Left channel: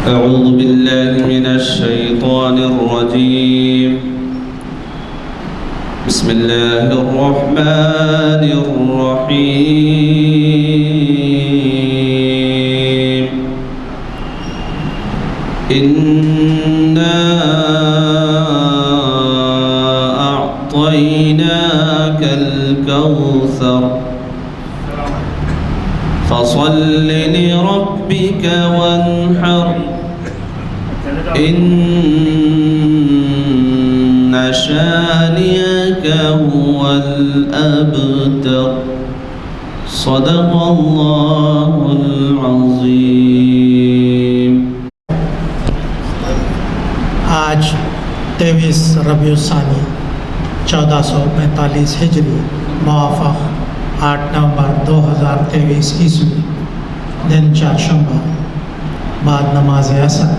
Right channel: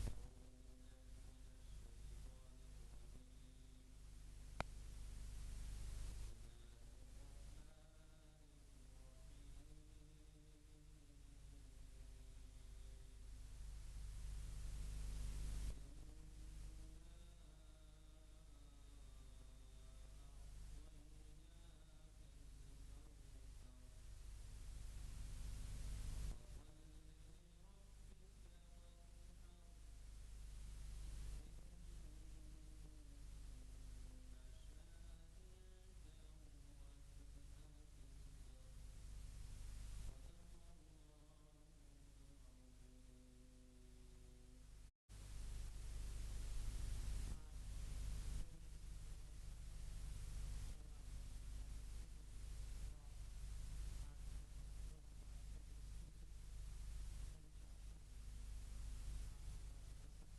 أعوذ بالله من الشيطان الرجيم. بسم الله الرحمن الرحيم. إنا أعطيناك الكوثر فصل لربك وانحر إن شانئك هو الأبتر. صدق الله العظيم. آج 23 ربیع الثانی 1445 ہجری موافق 8 نومبر 2023 عیسوی دن چہارشنبہ بعد نماز عصر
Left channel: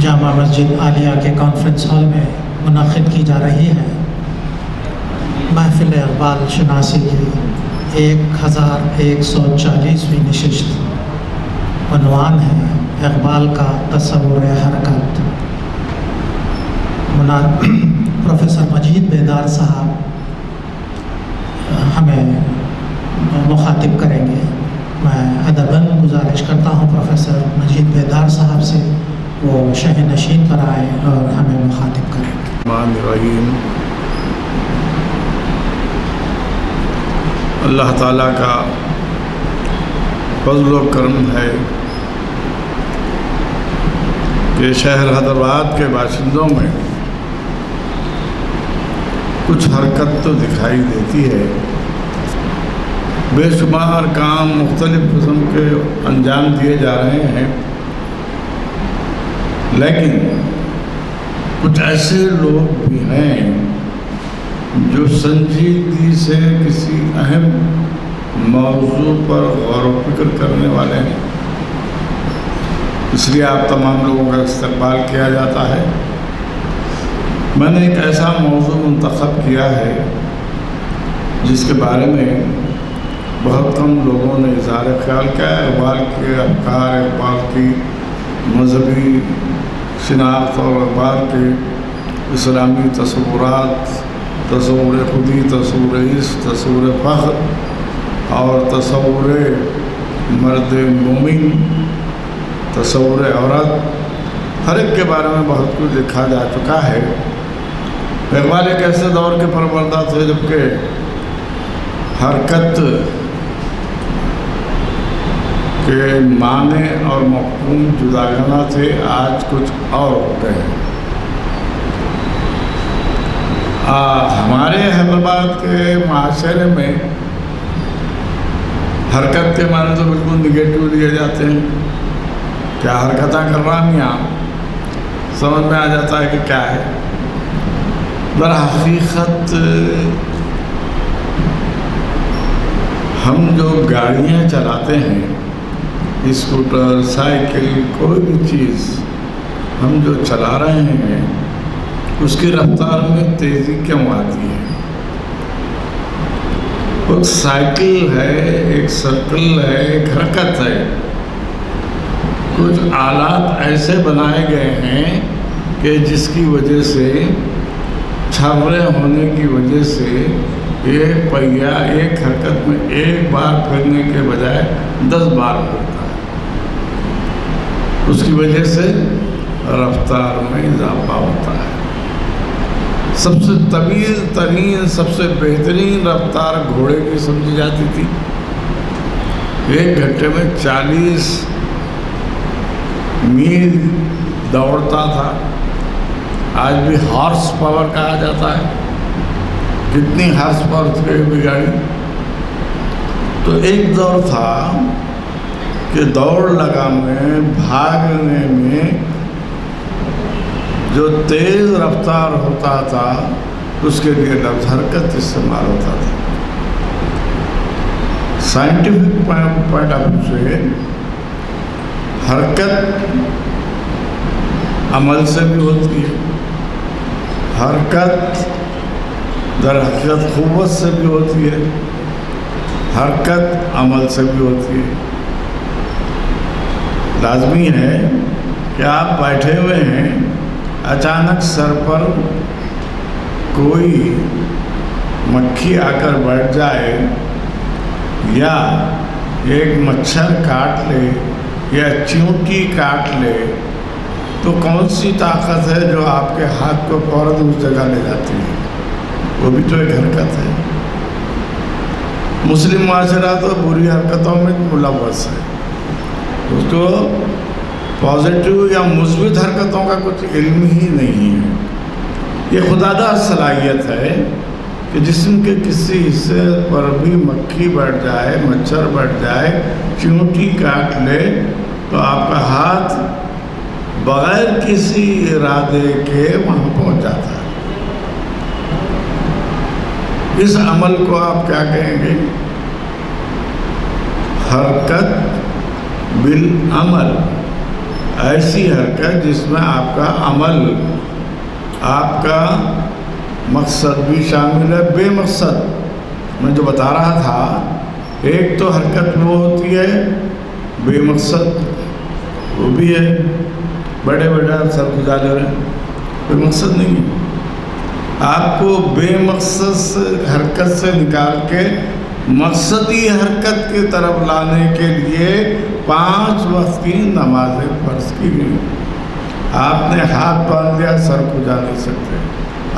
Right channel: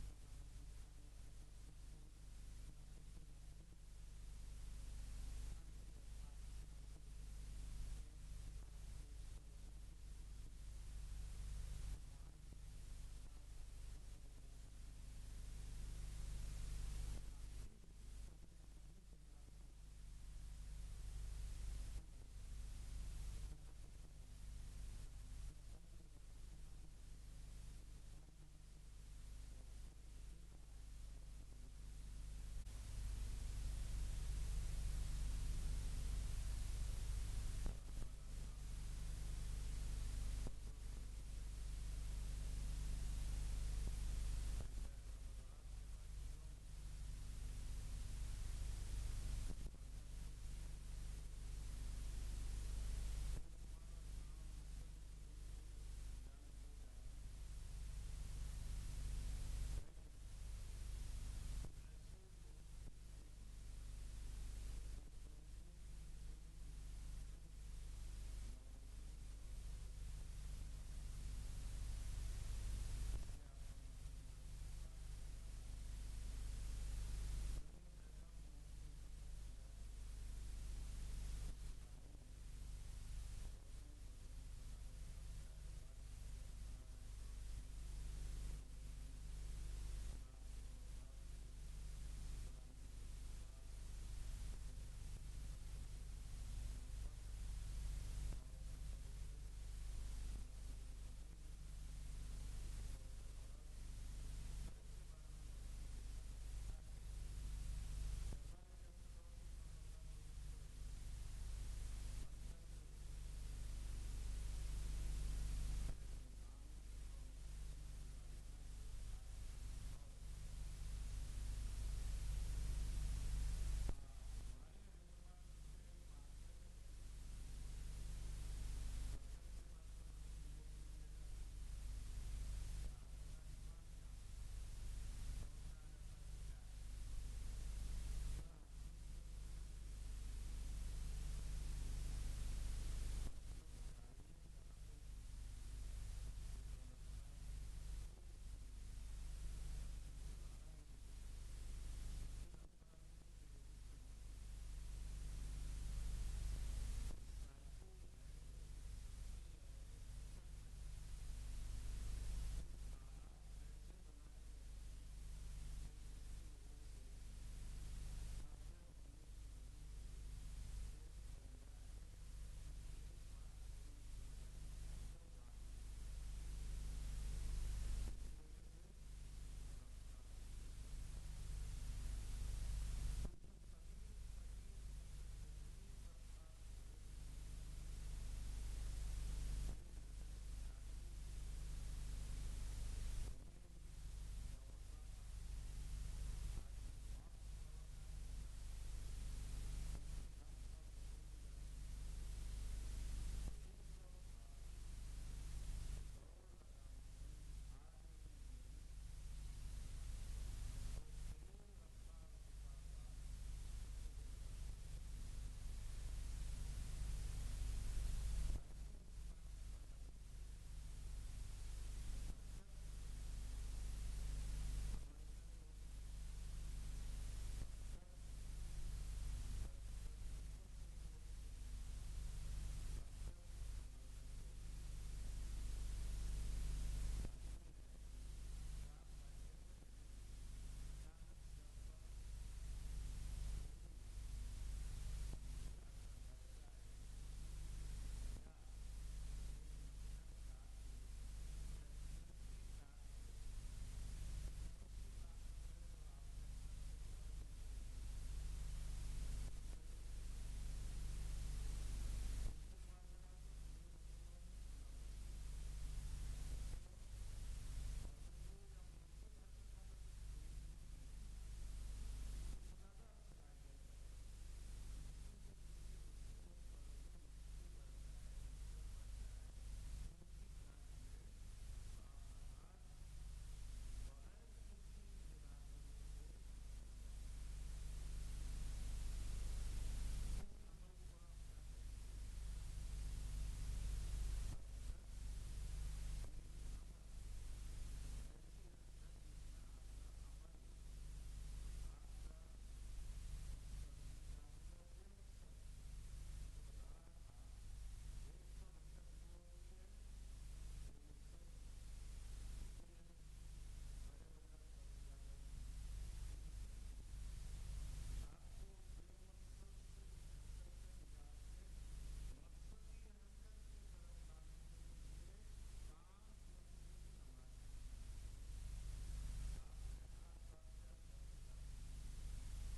جامع مسجد عالیہ کے کانفرنس ہال میں منعقد کی جا رہی ہے. محفل اقبال شناسی کی 1140ویں نشست. عنوان ہے اقبال کا تصور حرکت. پروفیسر مجید بیدار صاحب ہمیں مخاطب کریں گے. میں ادباً گزارش کرتا ہوں پروفیسر مجید بیدار صاحب سے وہ شہ نشین پر آئے اور ہمیں مخاطب کریں. الرحمن الرحیم. اللہ تعالیٰ کا فضل و کرم ہے کہ شہر حیدرآباد کے باشندوں میں کچھ حرکت تو دکھائی دیتی ہے. بے شمار کام مختلف قسم کے انجام دیے جا رہے ہیں، لیکن کچھ ایسے لوگ بھی ہیں جو سنجیدگی سے کسی اہم موضوع پر غور و فکر کرنے والے ہیں. اس لیے آپ تمام لوگوں کا استقبال کیا جاتا ہے. میں نے ایک ایسا موضوع منتخب کیا ہے جس کے بارے میں بہت کم لوگوں نے اظہار خیال کیا ہے. اقبال کے افکار، اقبال کی مذہبی شناخت اور اقبال کے اسلامی تصورات، تصور خودی، تصور عشق، تصور فخر اور تصور مرد مومن، تصور عورت، ہر ایک کے بارے میں بہت کچھ لکھا جا چکا ہے. اقبال ایک ایسے دور کے پروردہ تھے جبکہ حرکت کے معنی اور مفہوم جداگانہ تھے. آج کچھ اور ہو گئے ہیں. ہمارے حیدرآباد کے معاشرے میں حرکت کے معنی تو بالکل نگیٹو لیے جاتے ہیں. کیا حرکتیں کر رہا ہوں یہاں، سمجھ میں آ جاتا ہے کہ کیا ہے. در حقیقت ہم جو گاڑیاں چلاتے ہیں، اسکوٹر، سائیکل، کوئی بھی چیز ہم جو چلا رہے ہیں اس کی رفتار میں تیزی کیوں آتی ہے؟ ایک سائیکل ہے، ایک سرکل ہے، ایک حرکت ہے. کچھ آلات ایسے بنائے گئے ہیں کہ جس کی وجہ سے چھاورے ہونے کی وجہ سے ایک پہیا ایک حرکت میں ایک بار پھرنے کے بجائے 10 بار پھرتا ہے. اس کی وجہ سے رفتار میں اضافہ ہوتا ہے. سب سے طویل ترین، سب سے بہترین رفتار گھوڑے کی سمجھی جاتی تھی. 1 گھنٹے میں 40 میل دوڑتا تھا. آج بھی ہارس پاور کہا جاتا ہے. کتنی ہارس پاور تھی بھی گاڑی. تو ایک دور تھا کہ دوڑ لگانے، بھاگنے میں جو تیز رفتار ہوتا تھا اس کے لیے لفظ حرکت استعمال ہوتا تھا. سائنٹیفک پوائنٹ آف ویو سے حرکت عمل سے بھی ہوتی ہے، حرکت در حقیقت قوت سے بھی ہوتی ہے، حرکت عمل سے بھی ہوتی ہے. لازمی ہے کہ آپ بیٹھے ہوئے ہیں، اچانک سر پر کوئی مکھی آ کر بیٹھ جائے یا ایک مچھر کاٹ لے یا چیونٹی کاٹ لے تو کون سی طاقت ہے جو آپ کے ہاتھ کو فوراً اس جگہ لے جاتی ہے؟ وہ بھی تو ایک حرکت ہے۔ مسلم معاشرہ تو بری حرکتوں میں ملوث ہے، اس کو پازیٹیو یا مثبت حرکتوں کا کچھ علم ہی نہیں ہے۔ یہ خداداد صلاحیت ہے کہ جسم کے کسی حصے پر بھی مکھی بیٹھ جائے، مچھر بیٹھ جائے، چیونٹی کاٹ لے تو آپ کا ہاتھ بغیر کسی ارادے کے وہاں پہنچ جاتا ہے۔ اس عمل کو آپ کیا کہیں گے؟ حرکت بالعمل، ایسی حرکت جس میں آپ کا عمل، آپ کا مقصد بھی شامل ہے، بے مقصد۔ میں جو بتا رہا تھا، ایک تو حرکت وہ ہوتی ہے بے مقصد، وہ بھی ہے بڑے سر گزار رہے ہیں، کوئی مقصد نہیں ہے۔ آپ کو بے مقصد حرکت سے نکال کے مقصدی حرکت کی طرف لانے کے لیے 5 وقت کی نمازیں فرض کی گئی۔ آپ نے ہاتھ باندھ لیا، سر کو جا نہیں سکتے۔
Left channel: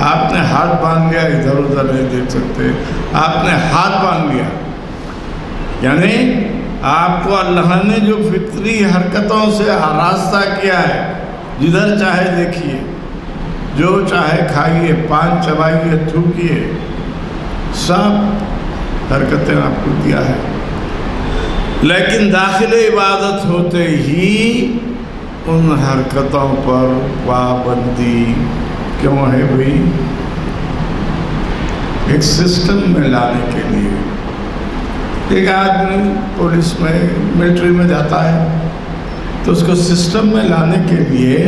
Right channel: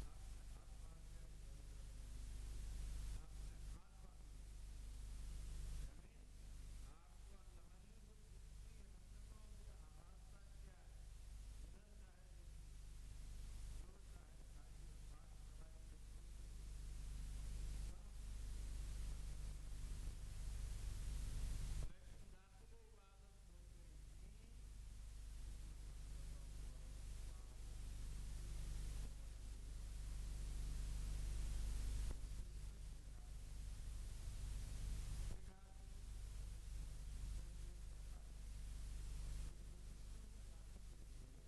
آپ نے ہاتھ باندھ لیا، ادھر ادھر نہیں دیکھ سکتے۔ آپ نے ہاتھ باندھ لیا، یعنی آپ کو اللہ نے جو فطری حرکتوں سے آراستہ کیا ہے، جدھر چاہے دیکھیے، جو چاہے کھائیے، پان چبائیے، تھوکیے، سب حرکتیں آپ کو دیا ہے۔ لیکن داخل عبادت ہوتے ہی ان حرکتوں پر پابندی کیوں ہے بھائی؟ ایک سسٹم میں لانے کے لیے۔ ایک آدمی پولیس میں، ملٹری میں جاتا ہے تو اس کو سسٹم میں لانے کے لیے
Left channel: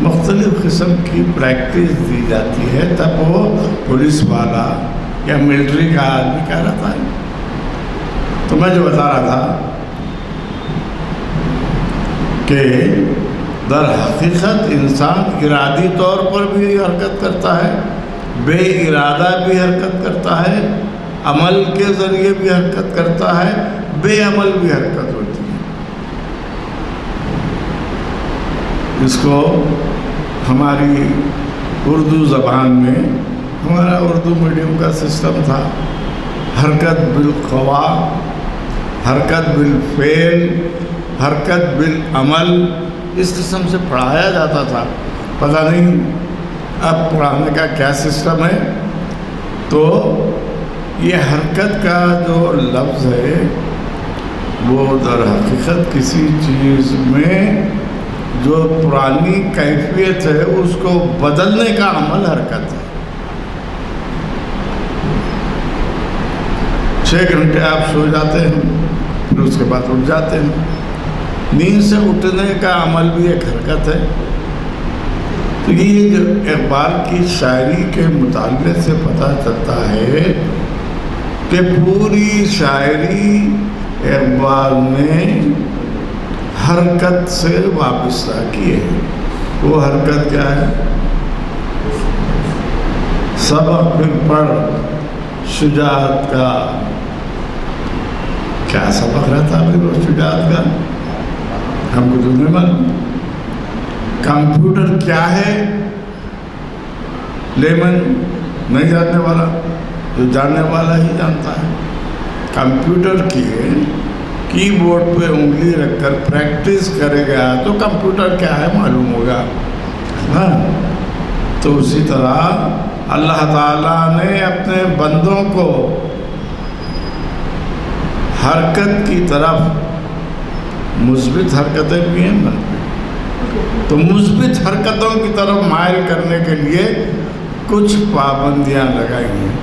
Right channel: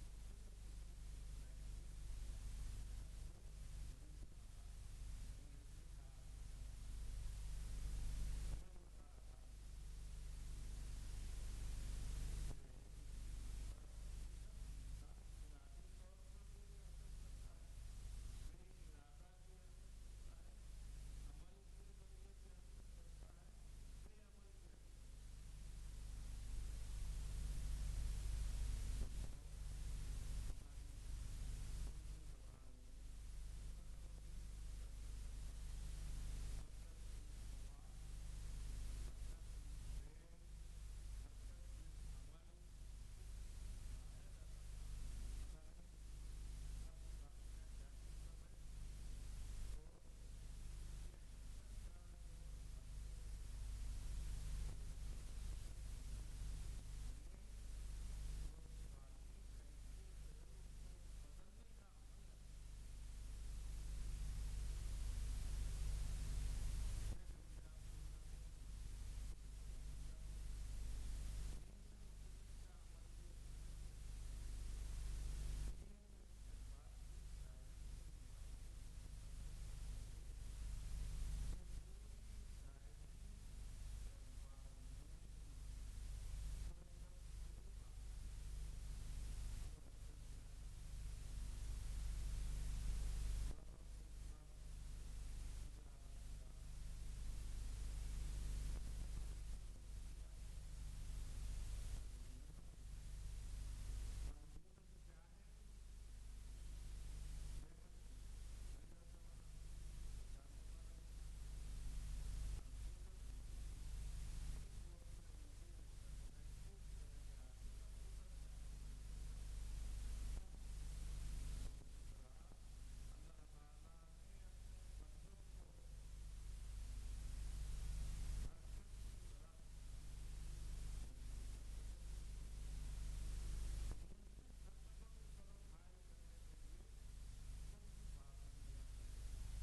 مختلف قسم کی پریکٹس دی جاتی ہے، تب وہ پولیس والا یا ملٹری کا آدمی کیا رہتا ہے۔ تو میں جو بتا رہا تھا کہ در حقیقت انسان ارادی طور پر بھی حرکت کرتا ہے، بے ارادہ بھی حرکت کرتا ہے، عمل کے ذریعے بھی حرکت کرتا ہے، بے عمل بھی حرکت ہوتی ہے۔ اس کو ہماری اردو زبان میں، ہمارا اردو میڈیم کا سسٹم تھا، حرکت بالخوا، حرکت بالفعل، حرکت بالعمل، اس قسم سے پڑھایا جاتا تھا۔ پتہ نہیں اب پڑھانے کا کیا سسٹم ہے۔ تو یہ حرکت کا جو لفظ ہے وہ در حقیقت کسی چیز میں جو پرانی کیفیت ہے اس کو بدلنے کا عمل حرکت ہے۔ 6 گھنٹے آپ سو جاتے ہیں، پھر اس کے بعد اٹھ جاتے ہیں۔ نیند سے اٹھنے کا عمل بھی ایک حرکت ہے۔ تو یہ جو اقبال کی شاعری کے مطالعے سے پتہ چلتا ہے کہ پوری شاعری اقبال نے حرکت سے وابستہ کی ہے۔ وہ حرکت کیا ہے؟ سبق پھر پڑھ شجاعت کا۔ کیا سبق رہتا ہے وہ شجاعت کا؟ ہم کو تو نہیں معلوم۔ کمپیوٹر کیا ہے لیمن نہیں جاننے والا، جو جاننے والا ہی جانتا ہے۔ کمپیوٹر کی کی بورڈ پہ انگلی رکھ کر پریکٹس کرے گا تو کمپیوٹر کیا ہے معلوم ہوگا۔ ہاں، تو اسی طرح اللہ تعالیٰ نے اپنے بندوں کو حرکت کی طرف، مثبت حرکتیں بھی ہیں منفی، تو مثبت حرکتوں کی طرف مائل کرنے کے لیے کچھ پابندیاں لگائی ہیں۔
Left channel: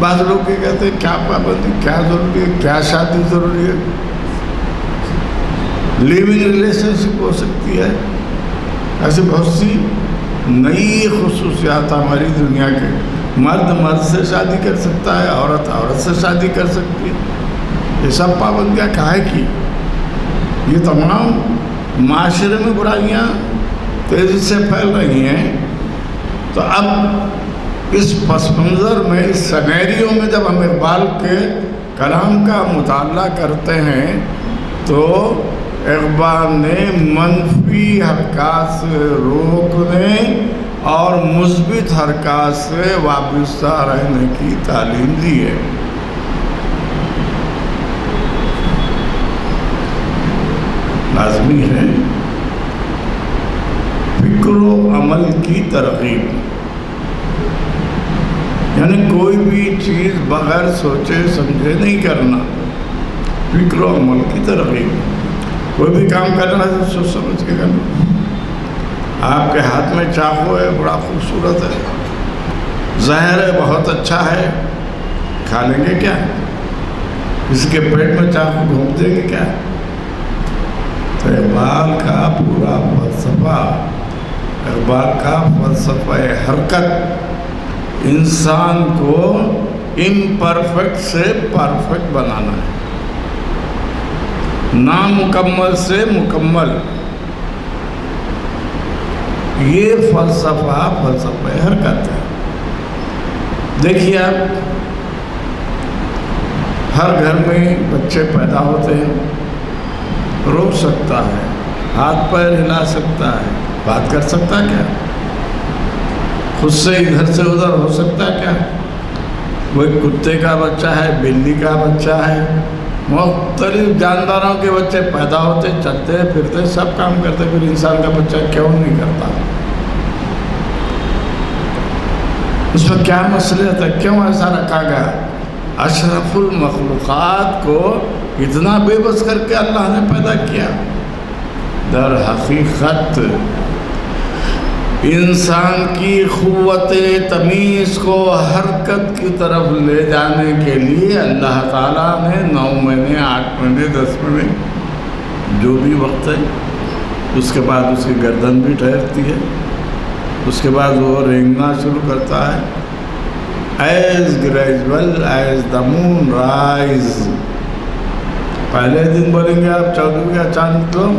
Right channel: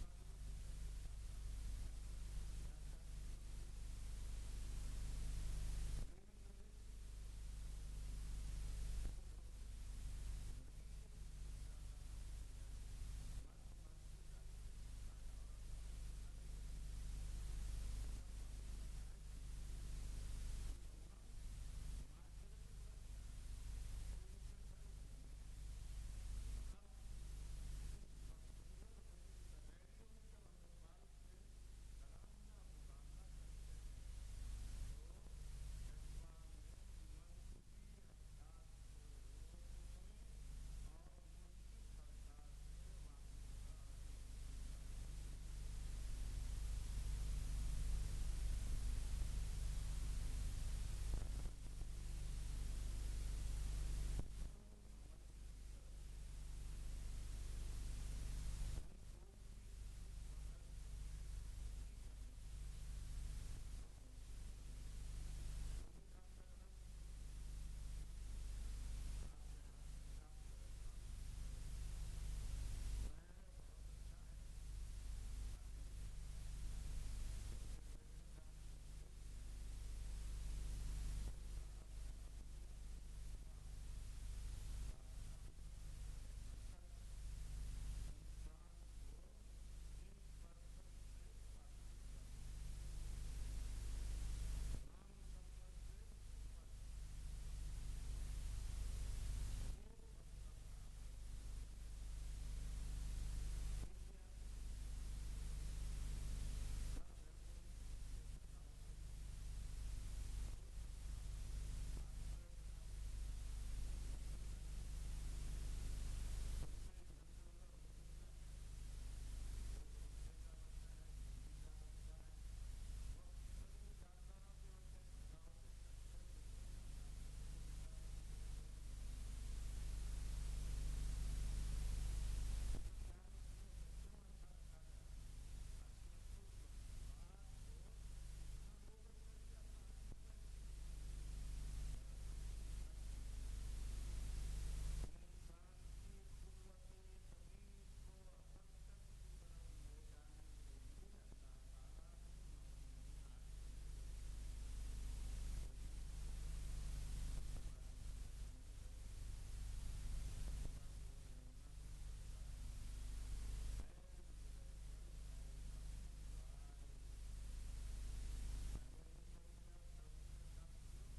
بعض لوگ یہ کہتے ہیں کیا پابندی، کیا ضروری ہے، کیا شادی ضروری ہے؟ لیونگ ریلیشن شپ ہو سکتی ہے۔ ایسی بہت سی نئی خصوصیات ہماری دنیا کے، مرد مرد سے شادی کر سکتا ہے، عورت عورت سے شادی کر سکتی ہے۔ یہ سب پابندیاں کاہے کی؟ یہ تمام معاشرے میں برائیاں تیزی سے پھیل رہی ہیں، تو اب اس پس منظر میں، اس سینیریو میں جب ہم اقبال کے کلام کا مطالعہ کرتے ہیں تو اقبال نے منفی حرکات سے روکنے اور مثبت حرکات سے وابستہ رہنے کی تعلیم دی ہے۔ لازمی ہے فکر و عمل کی ترغیب، یعنی کوئی بھی چیز بغیر سوچے سمجھے نہیں کرنا، فکر و عمل کی ترغیب۔ کوئی بھی کام کرنا ہے سوچ سمجھ کے کرنا۔ آپ کے ہاتھ میں چاقو ہے، بڑا خوبصورت ہے، زہر ہے، بہت اچھا ہے، کھا لیں گے کیا؟ کسی کے پیٹ میں چاقو گھونپ دیں گے کیا؟ تو اقبال کا پورا فلسفہ، اقبال کا فلسفہ حرکت انسان کو امپرفیکٹ سے پرفیکٹ بنانا ہے، نامکمل سے مکمل۔ یہ فلسفہ حرکت ہے۔ دیکھیے آپ، ہر گھر میں بچے پیدا ہوتے ہیں، روک سکتا ہے، ہاتھ پیر ہلا سکتا ہے، بات کر سکتا کیا؟ خود سے ادھر سے ادھر ہو سکتا کیا؟ کوئی کتے کا بچہ ہے، بلی کا بچہ ہے، مختلف جانداروں کے بچے پیدا ہوتے، چلتے پھرتے، سب کام کرتے، پھر انسان کا بچہ کیوں نہیں کرتا؟ اس میں کیا مصلحت ہے؟ کیوں ایسا رکھا گیا؟ اشرف المخلوقات کو اتنا بے بس کر کے اللہ نے پیدا کیا۔ در حقیقت انسان کی قوت تمیز کو حرکت کی طرف لے جانے کے لیے اللہ تعالیٰ نے 9 مہینے 8 مہینے 10 مہینے جو بھی وقت ہے، اس کے بعد اس کی گردن بھی ٹھہرتی ہے، اس کے بعد وہ رینگنا شروع کرتا ہے۔ As gradual as the moon rise, پہلے دن بولیں گے آپ 14 کا چاند تو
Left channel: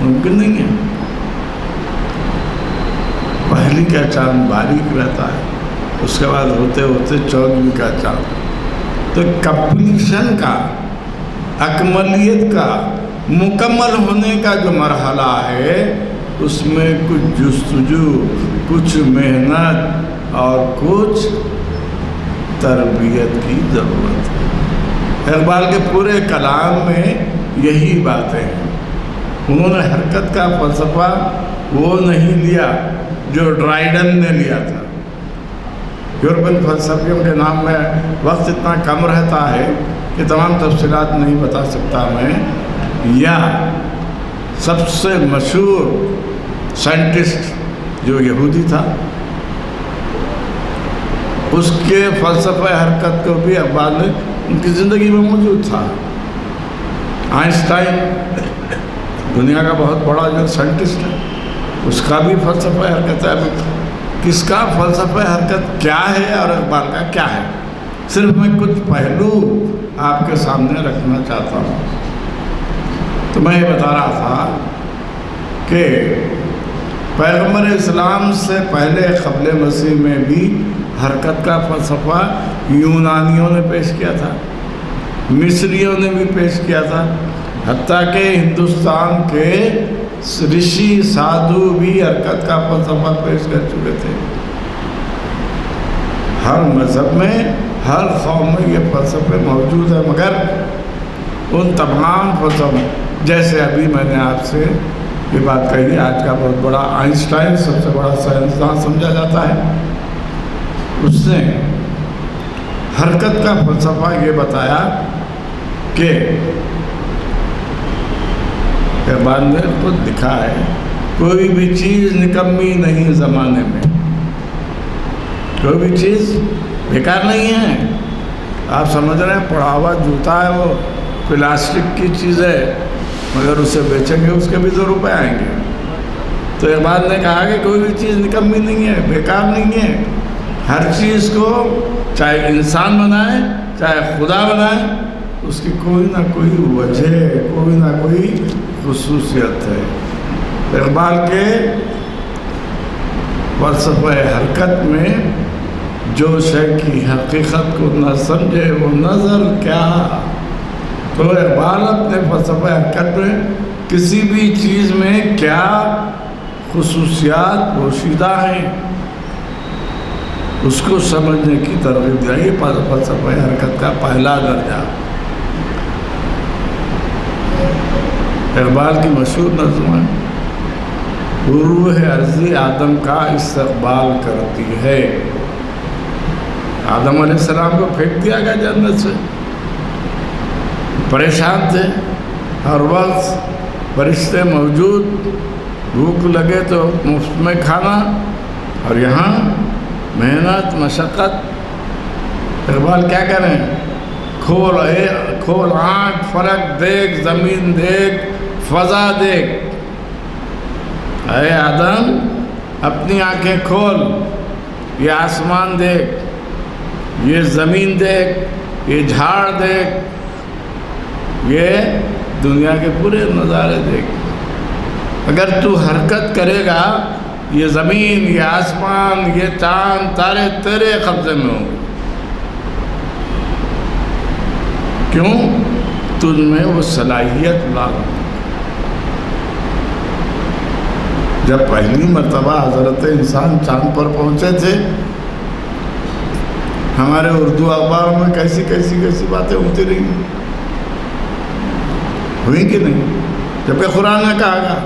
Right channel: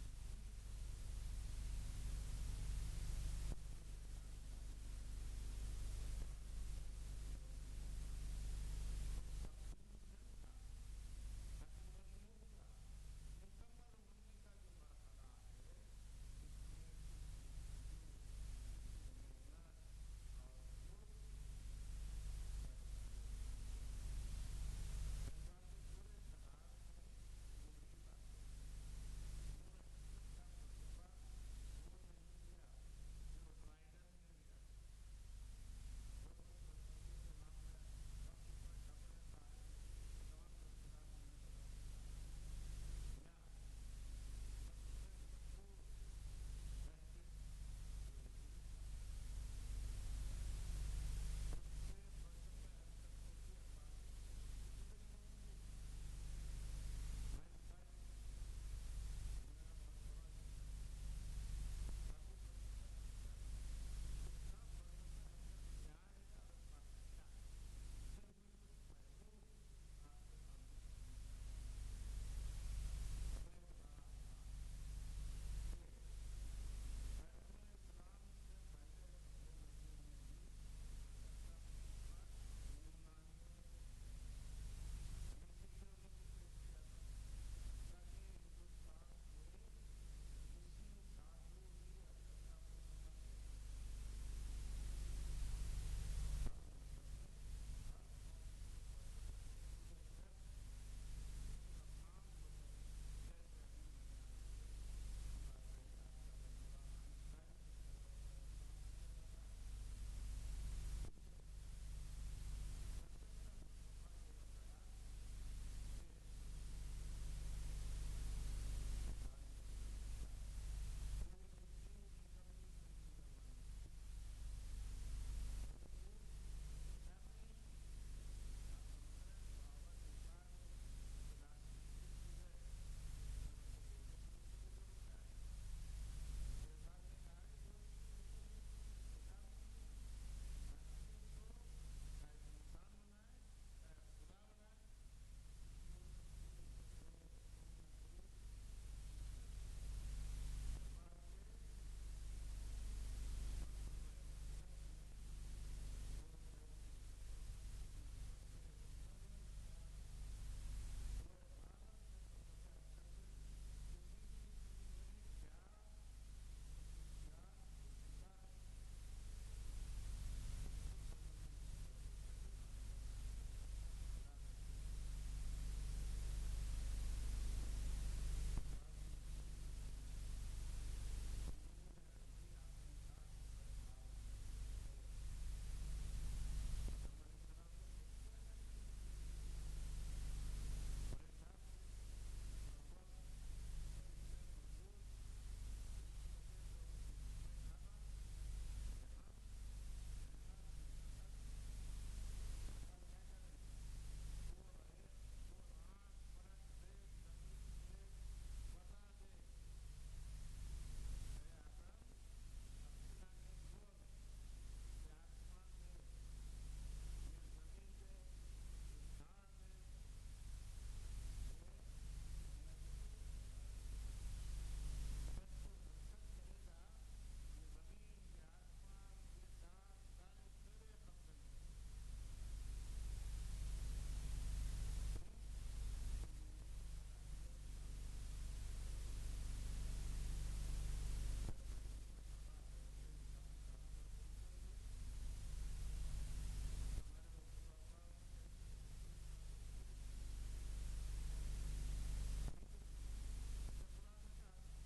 ممکن نہیں ہے، پہلی کا چاند باریک رہتا ہے، اس کے بعد ہوتے ہوتے 14 کا چاند۔ تو کمپلیشن کا، اکملیت کا، مکمل ہونے کا جو مرحلہ ہے، اس میں کچھ جستجو، کچھ محنت اور کچھ تربیت کی ضرورت ہے۔ اقبال کے پورے کلام میں یہی باتیں ہیں۔ انہوں نے حرکت کا فلسفہ وہ نہیں لیا جو ڈرائیڈن نے لیا تھا۔ یورپین فلسفیوں کے نام میں وقت اتنا کم رہتا ہے کہ تمام تفصیلات نہیں بتا سکتا میں، یا سب سے مشہور سائنٹسٹ جو یہودی تھا، اس کے فلسفہ حرکت کو بھی اقبال نے ان کی زندگی میں موجود تھا۔ آئنسٹائن دنیا کا بہت بڑا جو سائنٹسٹ ہے، اس کا بھی فلسفہ حرکت ہے۔ کس کا فلسفہ حرکت کیا ہے اور اقبال کا کیا ہے، صرف میں کچھ پہلو آپ کے سامنے رکھنا چاہتا ہوں۔ تو میں یہ بتا رہا تھا کہ پیغمبر اسلام سے پہلے قبل مسیح میں بھی حرکت کا فلسفہ یونانیوں نے پیش کیا تھا، مصریوں نے بھی پیش کیا تھا، حتیٰ کہ ہندوستان کے رشی سادھو بھی حرکت کا فلسفہ پیش کر چکے تھے۔ ہر مذہب میں، ہر قوم میں یہ فلسفے موجود ہیں، مگر ان تمام فلسفوں، جیسے ابھی میں نے آپ سے یہ بات کہی، آج کا بہت بڑا آئنسٹائن سب سے بڑا سائنسدان سمجھا جاتا ہے، اس نے حرکت کا فلسفہ یہ بتایا کہ اقبال نے خود لکھا ہے، کوئی بھی چیز نکمی نہیں زمانے میں، کوئی بھی چیز بیکار نہیں ہے۔ آپ سمجھ رہے ہیں پڑا ہوا جوتا ہے، وہ پلاسٹک کی چیز ہے، مگر اسے بیچیں گے اس کے بھی 2 روپے آئیں گے۔ تو اقبال نے کہا کہ کوئی بھی چیز نکمی نہیں ہے، بیکار نہیں ہے، ہر چیز کو چاہے انسان بنائے چاہے خدا بنائے اس کی کوئی نہ کوئی وجہ، کوئی نہ کوئی خصوصیت ہے۔ اقبال کے فلسفہ حرکت میں جو شے کی حقیقت کو نہ سمجھے وہ نظر کیا۔ تو اقبال اپنے فلسفہ حرکت میں کسی بھی چیز میں کیا خصوصیات پوشیدہ ہیں اس کو سمجھنے کی ترغیب دیا۔ یہ فلسفہ حرکت کا پہلا درجہ۔ اقبال کی مشہور نظم ہے، روح عرضی آدم کا استقبال کرتی ہے۔ آدم علیہ السلام کو پھینک دیا گیا جنت سے، پریشان تھے، ہر وقت فرشتے موجود، بھوک لگے تو مفت میں کھانا، اور یہاں محنت مشقت۔ اقبال کیا کریں؟ کھول آنکھ، فلک دیکھ، زمین دیکھ، فضا دیکھ۔ اے آدم اپنی آنکھیں کھول، یہ آسمان دیکھ، یہ زمین دیکھ، یہ جھاڑ دیکھ، یہ دنیا کے پورے نظارے دیکھ۔ اگر تو حرکت کرے گا یہ زمین، یہ آسمان، یہ چاند تارے تیرے قبضے میں ہوں گے۔ کیوں؟ تجھ میں وہ صلاحیت لا۔ جب پہلی مرتبہ حضرت انسان چاند پر پہنچے تھے، ہمارے اردو اخباروں میں کیسی باتیں ہوتی رہی، ہوئی کہ نہیں؟ جبکہ قرآن نے کہا گا،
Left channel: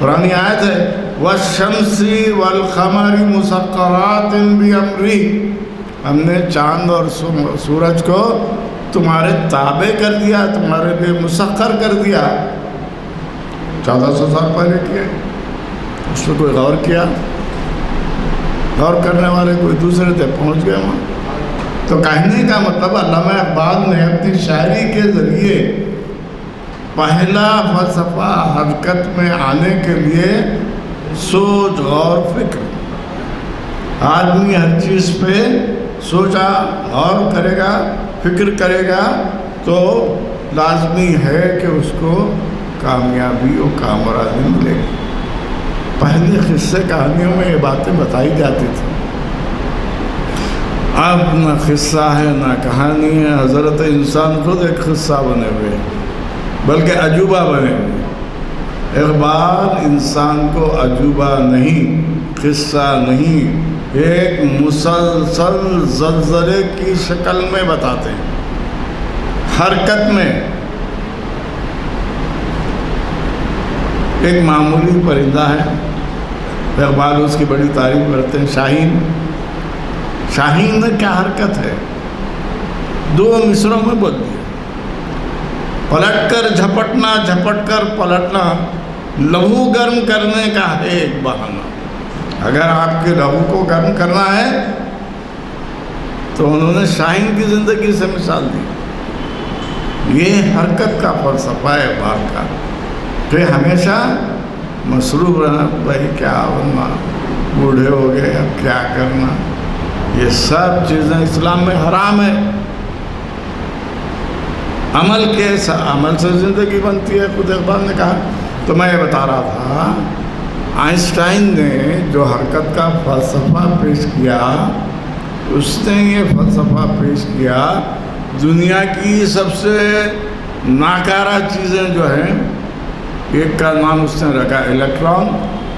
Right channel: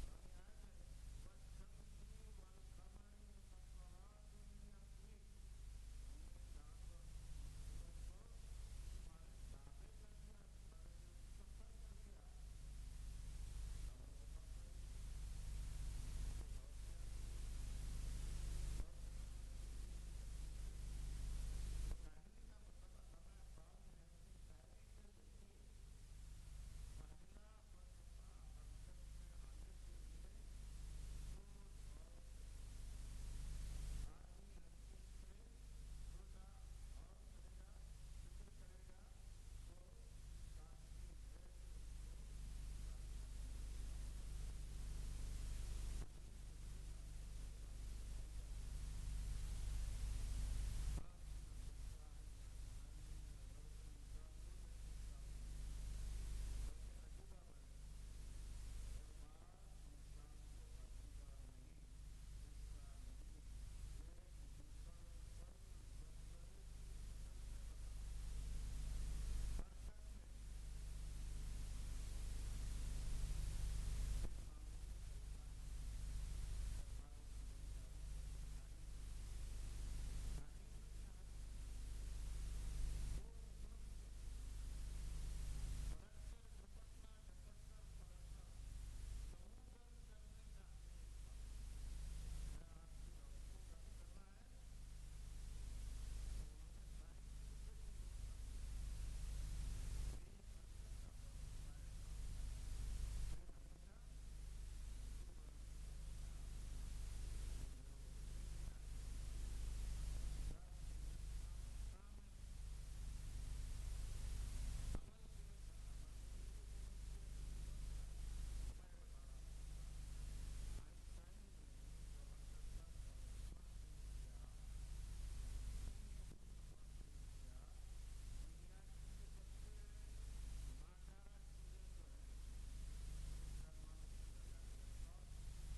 قرآن آیت ہے وَالشَّمْسِ وَالْقَمَرِ مُسَخَّرَاتٍ بِأَمْرِهِ، ہم نے چاند اور سورج کو تمہارے تابع کر دیا، تمہارے لیے مسخر کر دیا۔ 1400 سال پہلے کیا، اس پہ کوئی غور کیا؟ غور کرنے والے کوئی دوسرے تھے، پہنچ گئے وہاں۔ تو کہنے کا مطلب علامہ اقبال نے اپنی شاعری کے ذریعے پہلا فلسفہ حرکت میں آنے کے لیے سوچ اور فکر، آدمی ہر چیز پہ سوچا غور کرے گا، فکر کرے گا تو لازمی ہے کہ اس کو کامیابی و کامرانی ملے گی۔ پہلے قصے کہانیوں میں یہ باتیں بتائی جاتی تھی، اب نہ قصہ ہے نہ کہانی ہے، حضرت انسان خود ایک قصہ بنے ہوئے بلکہ عجوبہ بنے ہوئے۔ اقبال انسان کو عجوبہ نہیں، قصہ نہیں، ایک مسلسل زلزلے کی شکل میں بتاتے ہیں، حرکت میں۔ ایک معمولی پرندہ ہے، اقبال اس کی بڑی تعریف کرتے ہیں، شاہین۔ شاہین میں کیا حرکت ہے، 2 مصروں میں بول دیا، پلٹ کر جھپٹنا، جھپٹ کر پلٹنا، لہو گرم کرنے کا ہے ایک بہانہ۔ اگر آپ کے لہو کو گرم کرنا ہے تو انہوں نے شاہین کی زندگی سے مثال دی۔ یہ حرکت کا فلسفہ ہے اقبال کا، کہ ہمیشہ مصروف رہنا، بھائی کیا ہونا، بوڑھے ہو گئے اب کیا کرنا، یہ سب چیزیں اسلام میں حرام ہے۔ عمل سے زندگی بنتی ہے، خود اقبال نے کہا۔ تو میں یہ بتا رہا تھا، آئنسٹائن نے جو حرکت کا فلسفہ پیش کیا، اس نے یہ فلسفہ پیش کیا دنیا کی سب سے ناکارہ چیزیں جو ہیں، ایک کا نام اس نے رکھا الیکٹران،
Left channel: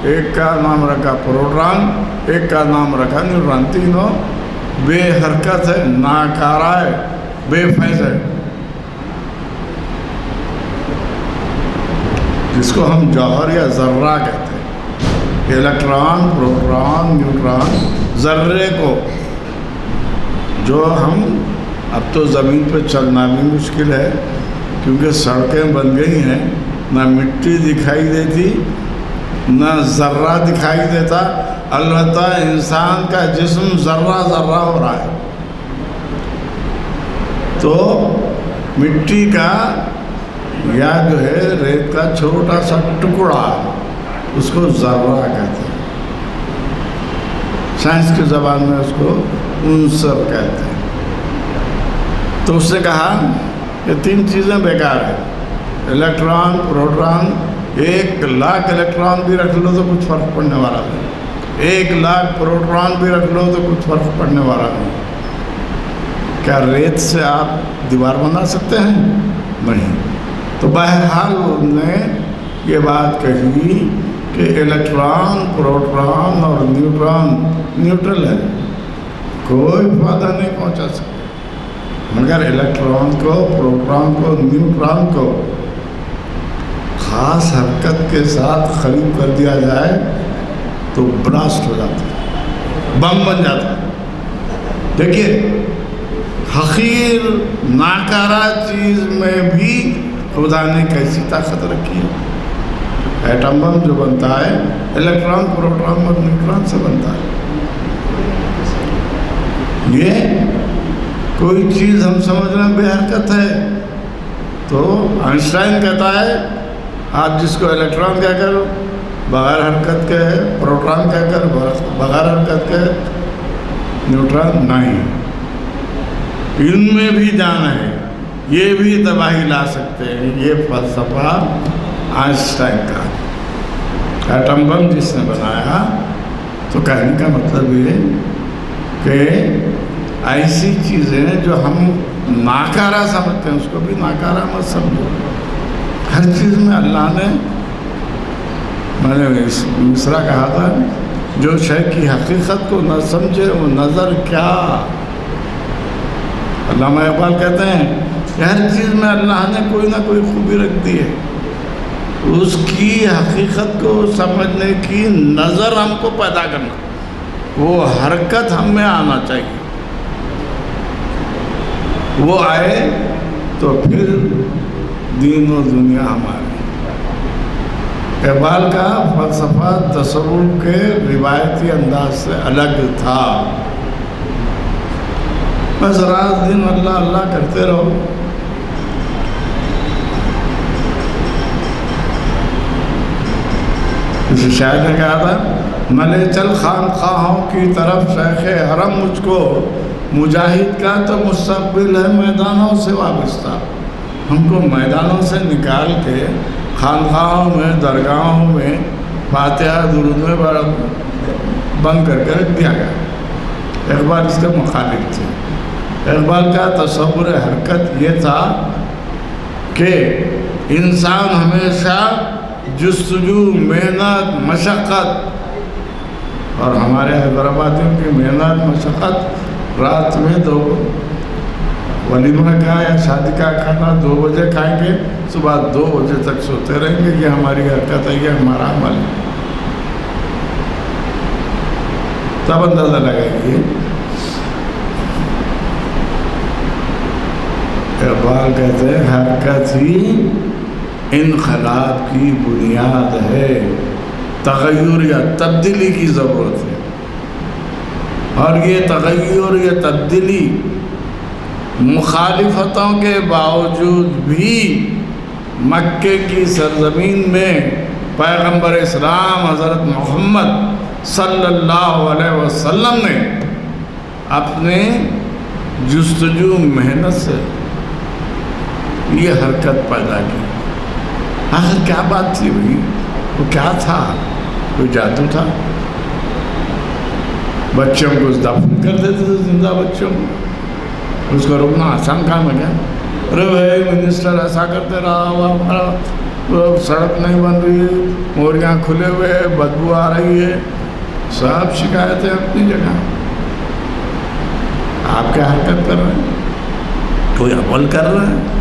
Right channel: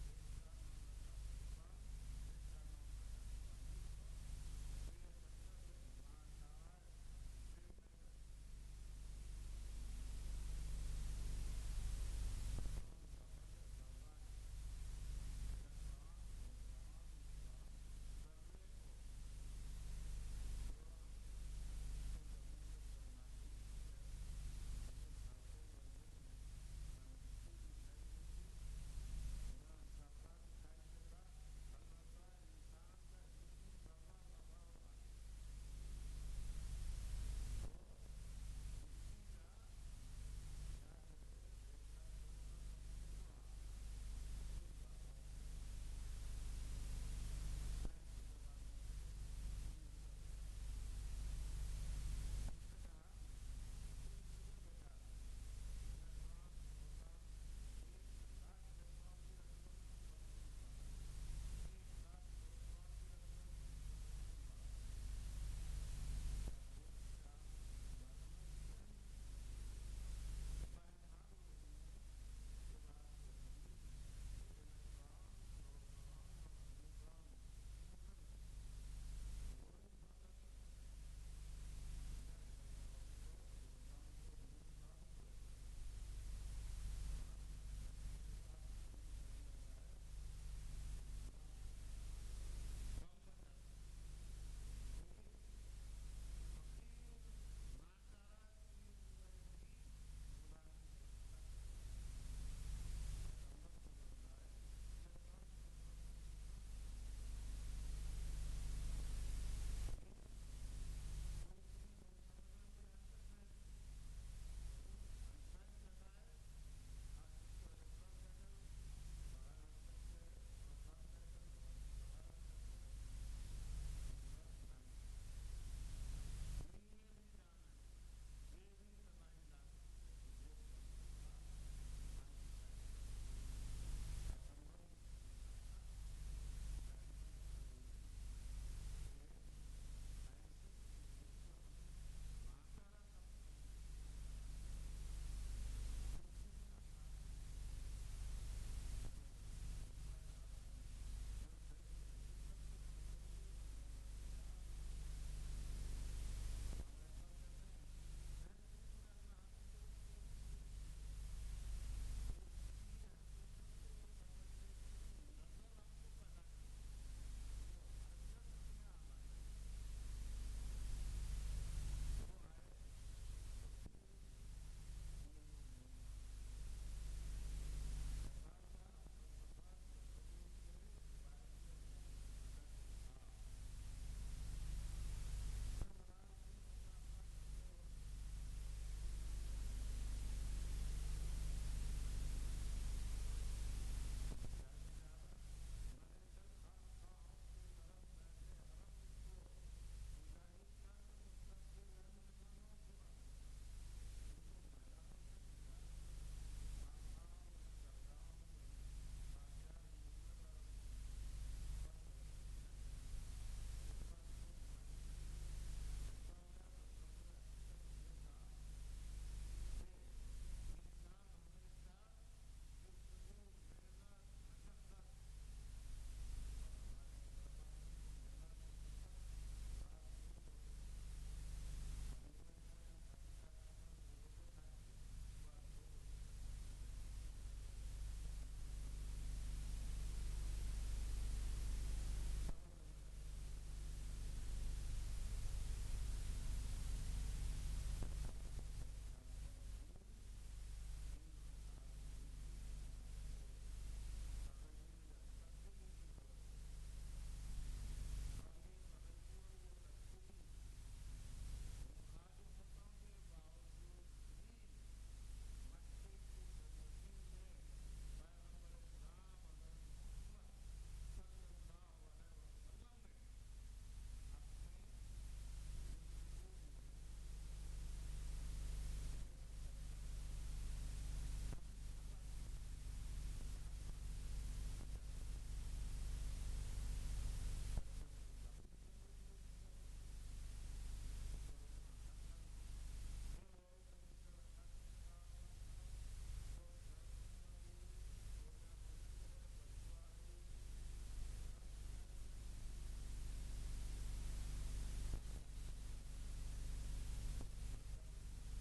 ایک کا نام رکھا پروٹون، ایک کا نام رکھا نیوٹران۔ تینوں بے حرکت ہے، ناکارہ ہے، بے فیض ہے، جس کو ہم جوہر یا ذرہ کہتے ہیں۔ الیکٹران، پروٹون، نیوٹران، ذرے کو جو ہم اب تو زمین پہ چلنا بھی مشکل ہے کیونکہ سڑکیں بن گئی ہیں، نہ مٹی دکھائی دیتی نہ ذرہ دکھائی دیتا، البتہ انسان کا جسم ذرہ ذرہ ہو رہا ہے۔ تو مٹی کا یا جو ہے ریت کا چھوٹا سا ٹکڑا، اس کو ذرہ کہتے ہیں، سائنس کی زبان میں اس کو عنصر کہتے ہیں۔ تو اس نے کہا یہ تین چیزیں بیکار ہیں. Electron, proton. 1,00,000 الیکٹران بھی رکھ لو تو کچھ فرق پڑنے والا نہیں. 1,00,000 پروٹون بھی رکھ لو تو کچھ فرق پڑنے والا نہیں. کیا ریت سے آپ دیوار بنا سکتے ہیں؟ نہیں. تو بہرحال انہوں نے یہ بات کہی کہ الیکٹران، پروٹون اور نیوٹران نیوٹرل ہے، کوئی فائدہ نہیں پہنچا سکتے. مگر الیکٹران کو، پروٹون کو، نیوٹران کو خاص حرکت کے ساتھ قریب کر دیا جائے تو براسٹ ہو جاتا ہے، بم بن جاتا ہے. دیکھیے حقیر ناکارہ چیز میں بھی خدا نے کیسی طاقت رکھی ہے. ایٹم بم جو بنتا ہے الیکٹران، پروٹون اور نیوٹران سے بنتا ہے. یہ کوئی چیز ہم سمجھنا بے حرکت ہے تو آئنسٹائن کہتا ہے آپ جس کو الیکٹران کہہ کر بغیر حرکت کے ہے، پروٹون کہہ کر بغیر حرکت کے، نیوٹران نہیں. ان میں بھی جان ہے، یہ بھی تباہی لا سکتے ہیں. یہ فلسفہ آئنسٹائن کا. ایٹم بم جس نے بنایا، تو کہنے کا مطلب یہ کہ ایسی چیزیں جو ہم ناکارہ سمجھتے ہیں اس کو بھی ناکارہ مت سمجھو. ہر چیز میں اللہ نے، میں نے مصرع کہا تھا، جو شے کی حقیقت کو نہ سمجھے وہ نظر کیا. علامہ اقبال کہتے ہیں کہ ہر چیز میں اللہ نے کوئی نہ کوئی خوبی رکھ دی ہے، اس کی حقیقت کو سمجھنے کی نظر ہم کو پیدا کرنا، وہ حرکت ہم میں آنا چاہیے. وہ آئے تو پھر دین و دنیا ہماری. اقبال کا فلسفہ تصوف کے روایتی انداز سے الگ تھا. بس رات دن اللہ اللہ کرتے رہو. کسی شاعر نے کہا تھا، ملے چل خانقاہوں کی طرف شیخ حرم مجھ کو، مجاہد کا تو مستقبل ہے میدانوں سے وابستہ. ہم کو میدانوں سے نکال کے خانقاہوں میں، درگاہوں میں فاتحہ درود میں بند کر کے رکھ دیا گیا. اقبال اس کے مخالف تھے. اقبال کا تصور حرکت یہ تھا کہ انسان ہمیشہ جستجو، محنت، مشقت، اور ہمارے حیدرآبادیوں کی محنت مشقت، رات میں ولیمہ کا یا شادی کا کھانا 2 بجے کھائیں گے، صبح 2 بجے تک سوتے رہیں گے. یہ ہماری حرکت ہے، یہ ہمارا عمل ہے. تب اندازہ لگائیے اقبال کہتے ہیں حرکت ہی انقلاب کی بنیاد ہے. تغیر یا تبدیلی کی ضرورت ہے، اور یہ تغیر یا تبدیلی مخالفتوں کے باوجود بھی مکے کی سرزمین میں پیغمبر اسلام حضرت محمد صلی اللہ علیہ وسلم نے اپنے جستجو محنت سے یہ حرکت پیدا کی. آخر کیا بات تھی بھائی؟ وہ کیا تھا؟ کوئی جادو تھا؟ بچوں کو دفن کر دیتے تھے، زندہ بچوں کو. اس کو روکنا آسان کام ہے کیا؟ ارے بھائی منسٹر ایسا کرتے رہا، وہ ہمارا سڑک نہیں بن رہی ہے، موریاں کھلے ہوئے، بدبو آ رہی ہے. سب شکایتیں اپنی جگہ. آپ کیا حرکت کر رہے ہیں؟ کوئی عمل کر رہا ہے؟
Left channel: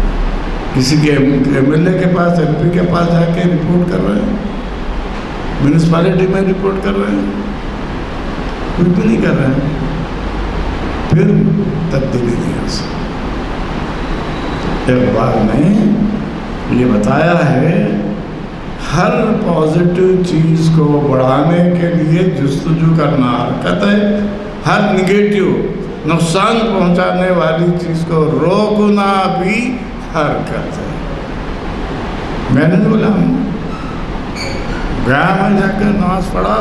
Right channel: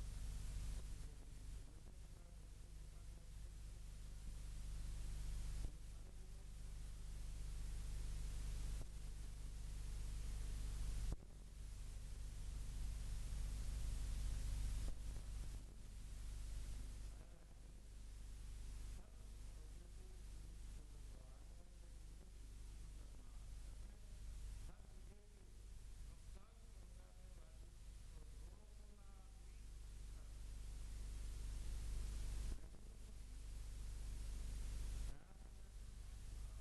کسی کے ایم ایل اے کے پاس، ایم پی کے پاس جا کے رپورٹ کر رہے ہیں، میونسپلٹی میں رپورٹ کر رہے ہیں، کچھ بھی نہیں کر رہے ہیں. پھر تبدیلی نہیں آ سکتی. اقبال نے یہ بتایا ہے ہر پازیٹیو چیز کو بڑھانے کے لیے جستجو کرنا حرکت ہے، ہر نگیٹیو نقصان پہنچانے والی چیز کو روکنا بھی حرکت ہے. میں نے بولا گیا میں جا کے نماز پڑھا،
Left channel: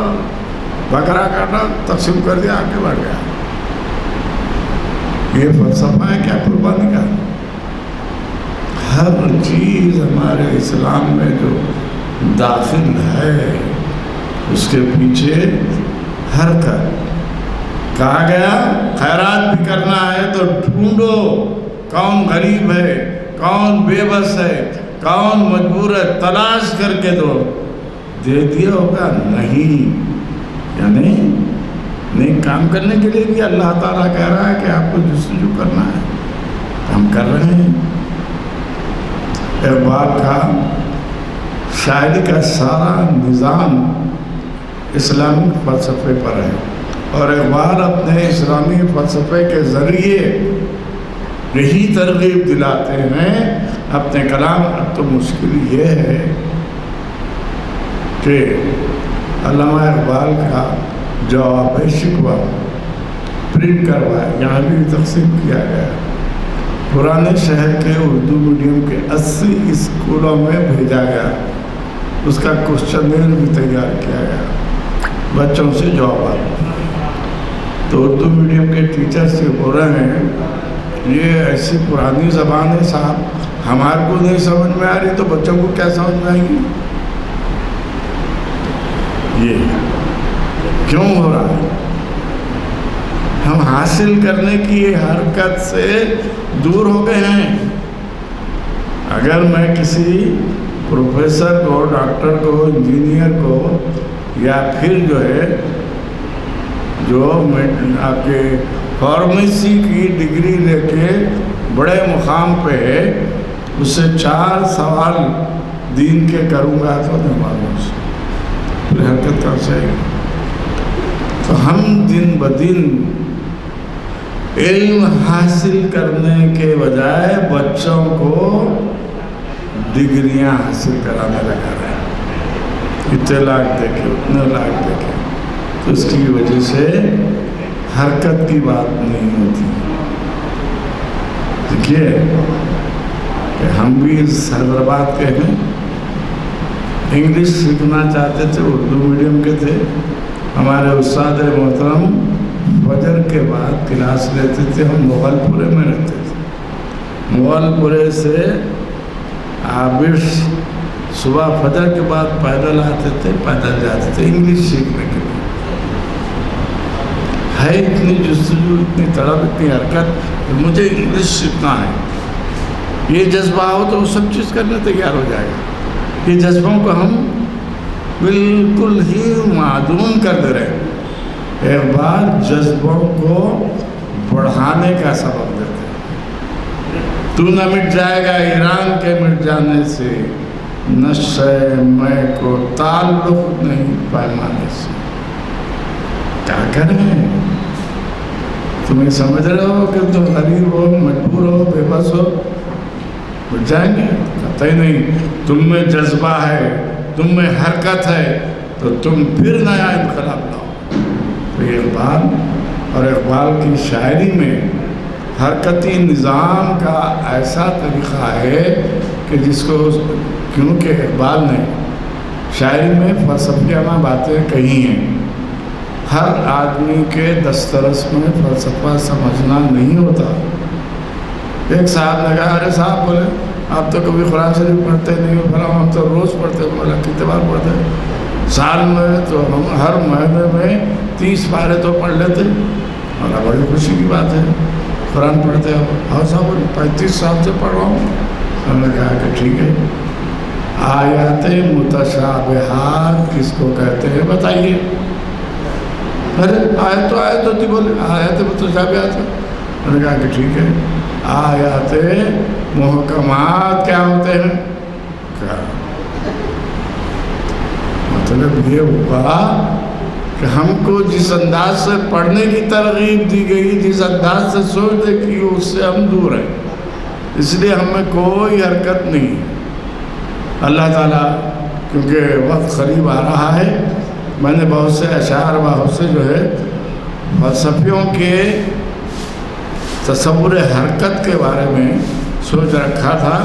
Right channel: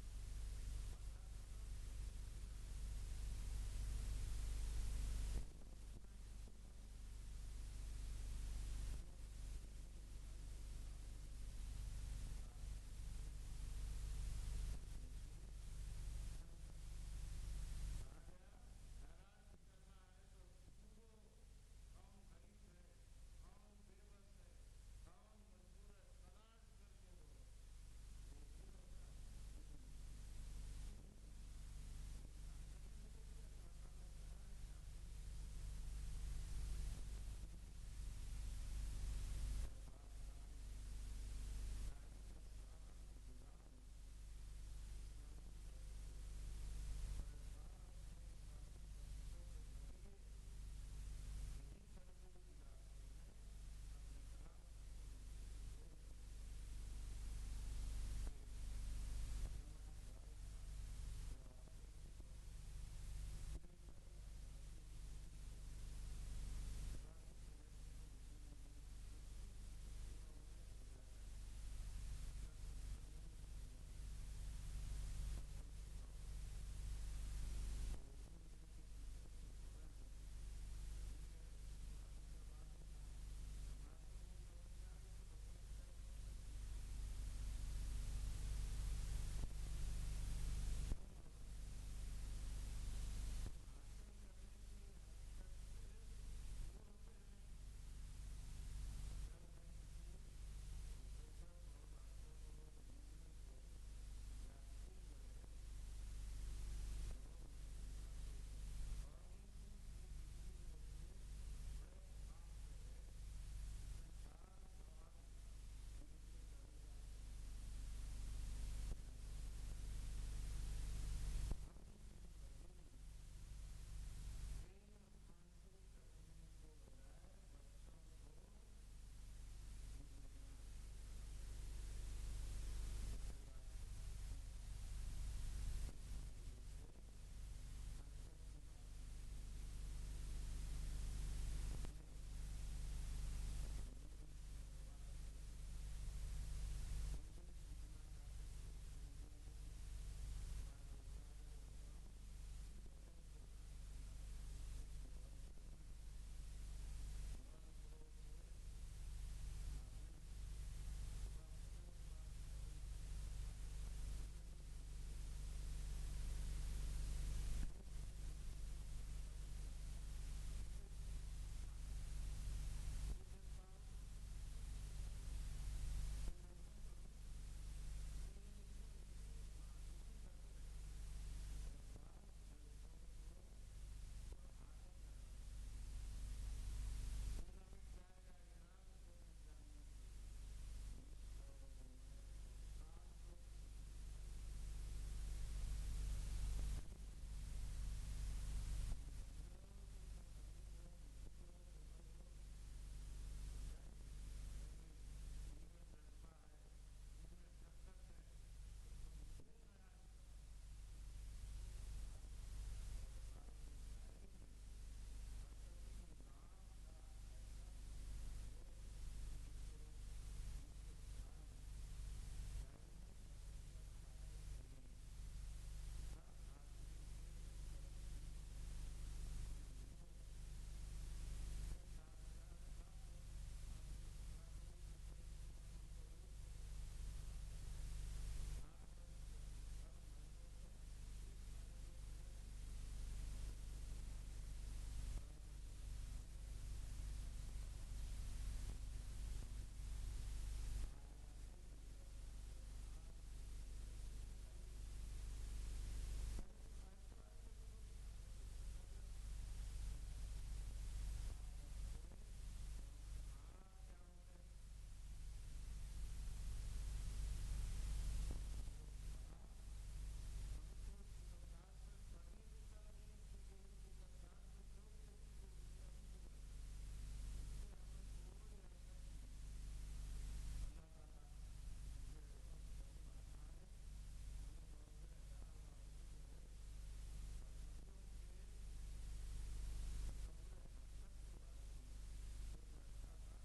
بکرا کاٹا، تقسیم کر دیا، آگے بڑھ گیا. یہ فلسفہ ہے کیا قربانی کا؟ ہر چیز ہمارے اسلام میں جو داخل ہے اس کے پیچھے حرکت. کہا گیا خیرات بھی کرنا ہے تو ڈھونڈو کون غریب ہے, کون بے بس ہے, کون مجبور ہے, تلاش کر کے دو. دے دیا ہوگا نہیں, یعنی نیک کام کرنے کے لیے بھی اللہ تعالیٰ کہہ رہا ہے کہ آپ کو جستجو کرنا ہے, ہم کر رہے ہیں. اقبال کا شاعری کا سارا نظام اسلامی فلسفے پر ہے, اور اقبال اپنے اسلامی فلسفے کے ذریعے یہی ترغیب دلاتے ہیں اپنے کلام. اب تو مشکل یہ ہے کہ علامہ اقبال کا جواب شکوہ پرنٹ کروایا, یہاں بھی تقسیم کیا گیا. پرانے شہر کے اردو میڈیم کے 80 اسکولوں میں بھیجا گیا. اس کا کوشچنر بھی تیار کیا گیا, بچوں سے جوابات. تو اردو میڈیم کے ٹیچر سے بول رہے ہیں یہ ایسی پرانی زبان ہے صاحب, ہمارے کو نہیں سمجھ میں آ رہی تو بچوں کو کیا سمجھ میں آئے گی. یہ کیوں ہو رہا ہے؟ ہم حاصل کرنے کی حرکت سے دور ہو گئے ہیں. اگر میں کسی پروفیسر کو, ڈاکٹر کو, انجینئر کو, یا پھر جو ہے جو آپ کے فارمیسی کی ڈگری لے کے بڑے مقام پہ ہے, اس سے 4 سوال دین کے کروں گا تو نہیں معلوم سے پھر حرکت کر سکے. تو ہم دن بدن علم حاصل کرنے کے بجائے بچوں کو ڈگریاں حاصل کرانے لگا رہے ہیں. اتنے لاکھ دیکھے, اتنے لاکھ دیکھے, تو اس کی وجہ سے حرکت کی بات نہیں ہوتی. دیکھیے کہ ہم بھی اس حیدرآباد کے ہیں, انگلش سیکھنا چاہتے تھے, اردو میڈیم کے تھے. ہمارے استاد محترم فجر کے بعد کلاس لیتے تھے. ہم مغل پورے میں رہتے تھے. مغل پورے سے عابش صبح فجر کے بعد پیدل آتے تھے, پیدل جاتے تھے انگلش سیکھنے کے لیے. ہے اتنی جستجو, اتنی طلب, اتنی حرکت کہ مجھے انگلش سیکھنا ہے. یہ جذبہ ہو تو وہ سب چیز کرنے تیار ہو جائے گا. یہ جذبوں کو ہم بالکل ہی معدوم کر دے رہے ہیں. اقبال جذبوں کو بڑھانے کا سبب دیتے ہیں. تو نہ مٹ جائے گا ایران کے مٹ جانے سے, نشے میں کو تعلق نہیں پیمانے سے. کیا کریں؟ تمہیں سمجھ رہے ہو کہ تم غریب ہو, مجبور ہو, بے بس ہو, مٹ جائیں گے؟ قطعی نہیں. تم میں جذبہ ہے, تم میں حرکت ہے, تو تم پھر نیا انقلاب لاؤ. تو یہ اقبال اور اقبال کی شاعری میں حرکتی نظام کا ایسا طریقہ ہے کہ جس کو, کیونکہ اقبال نے شاعری میں فلسفیانہ باتیں کہی ہیں. ہر آدمی کے دسترس میں فلسفہ سمجھنا نہیں ہوتا. ایک صاحب نے کہا ارے صاحب بولے آپ تو کبھی قرآن شریف پڑھتے نہیں ہو. ہم تو روز پڑھتے ہیں. بولا کتنے بار پڑھتے ہیں؟ سال میں تو ہم ہر مہینے میں 30 پارے تو پڑھ لیتے. اور بڑی خوشی کی بات ہے قرآن پڑھتے ہو. اور صاحب 35 سال سے پڑھ رہا ہوں. ہم نے کہا کہ ٹھیک ہے, آیات متشابہات کس کو کہتے ہیں بتائیے. ارے آیت تو آیت ہوتی, بولے آیات متشابہات. ہم نے کہا کہ ٹھیک ہے, آیات محکمات کیا ہوتے ہیں؟ کیا مطلب یہ ہوا کہ ہم کو جس انداز سے پڑھنے کی ترغیب دی گئی, جس انداز سے سوچنے کی, اس سے ہم دور ہیں. اس لیے ہمیں کوئی حرکت نہیں. اللہ تعالیٰ کیونکہ وقت قریب آ رہا ہے, میں نے بہت سے اشعار, بہت سے جو ہے فلسفیوں کے تصور حرکت کے بارے میں سوچ رکھا تھا.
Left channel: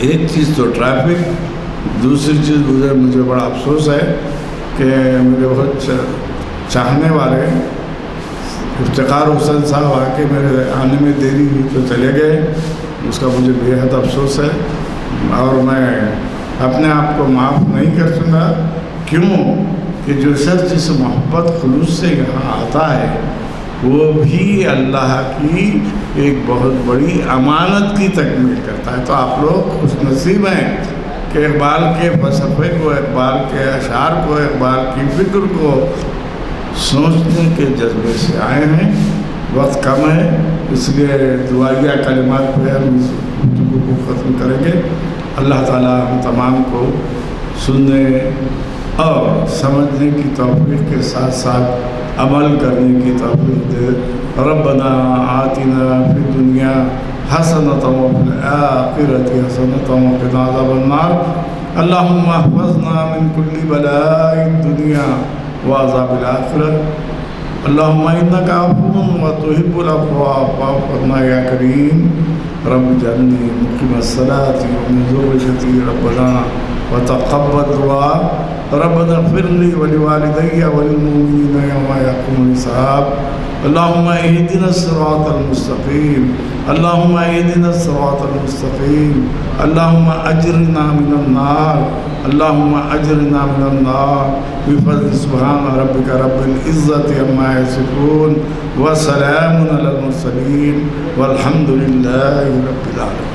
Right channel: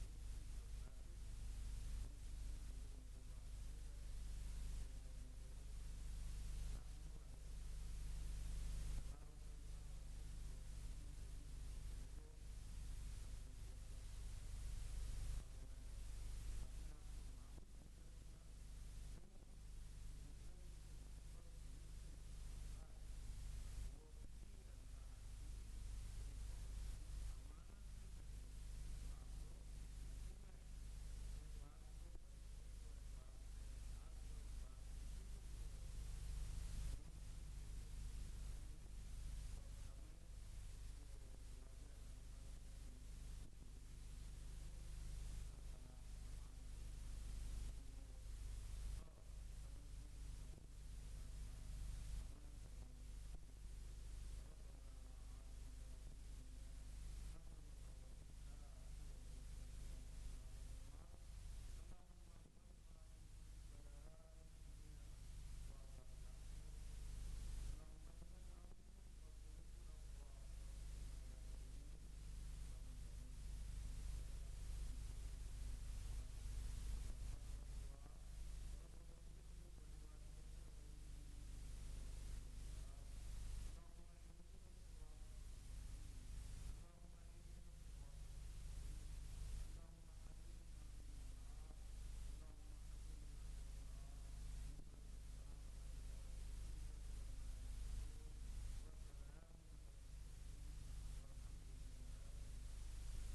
ایک چیز تو ٹریفک, دوسری چیز مجھے بڑا افسوس ہے کہ میرے بہت چاہنے والے افتخار حسین صاحب آ کے میرے آنے میں دیری ہوئی تو چلے گئے. اس کا مجھے بے حد افسوس ہے، اور میں اپنے آپ کو معاف نہیں کر سکوں گا۔ کیوں کہ جو شخص جس محبت خلوص سے یہاں آتا ہے وہ بھی اللہ کی ایک بہت بڑی امانت کی تکمیل کرتا ہے۔ تو آپ لوگ خوش نصیب ہیں کہ اقبال کے فلسفے کو، اقبال کے اشعار کو، اقبال کی فکر کو سوچنے کے جذبے سے آئے ہیں۔ وقت کم ہے، اس لیے دعائیہ کلمات پہ ہم اس گفتگو کو ختم کریں گے۔ اللہ تعالیٰ ہم تمام کو سننے اور سمجھنے کی توفیق کے ساتھ ساتھ عمل کرنے کی توفیق دے۔ ربنا آتنا فی الدنیا حسنۃ وفی الآخرۃ حسنۃ وقنا عذاب النار۔ اللہم احفظنا من کل بلاء الدنیا وعذاب الآخرۃ۔ اللہم انک عفو وتحب العفو فاعف عنا یا کریم۔ رب اجعلنی مقیم الصلاۃ ومن ذریتی ربنا وتقبل دعاء۔ ربنا اغفر لي ولوالدي وللمؤمنين يوم يقوم الحساب۔ اللهم اهدنا الصراط المستقيم، اللهم اهدنا الصراط المستقيم، اللهم اجرنا من النار، اللهم اجرنا من النار بفضل سبحان ربك رب العزة عما يصفون وسلام على المرسلين والحمد لله رب العالمين۔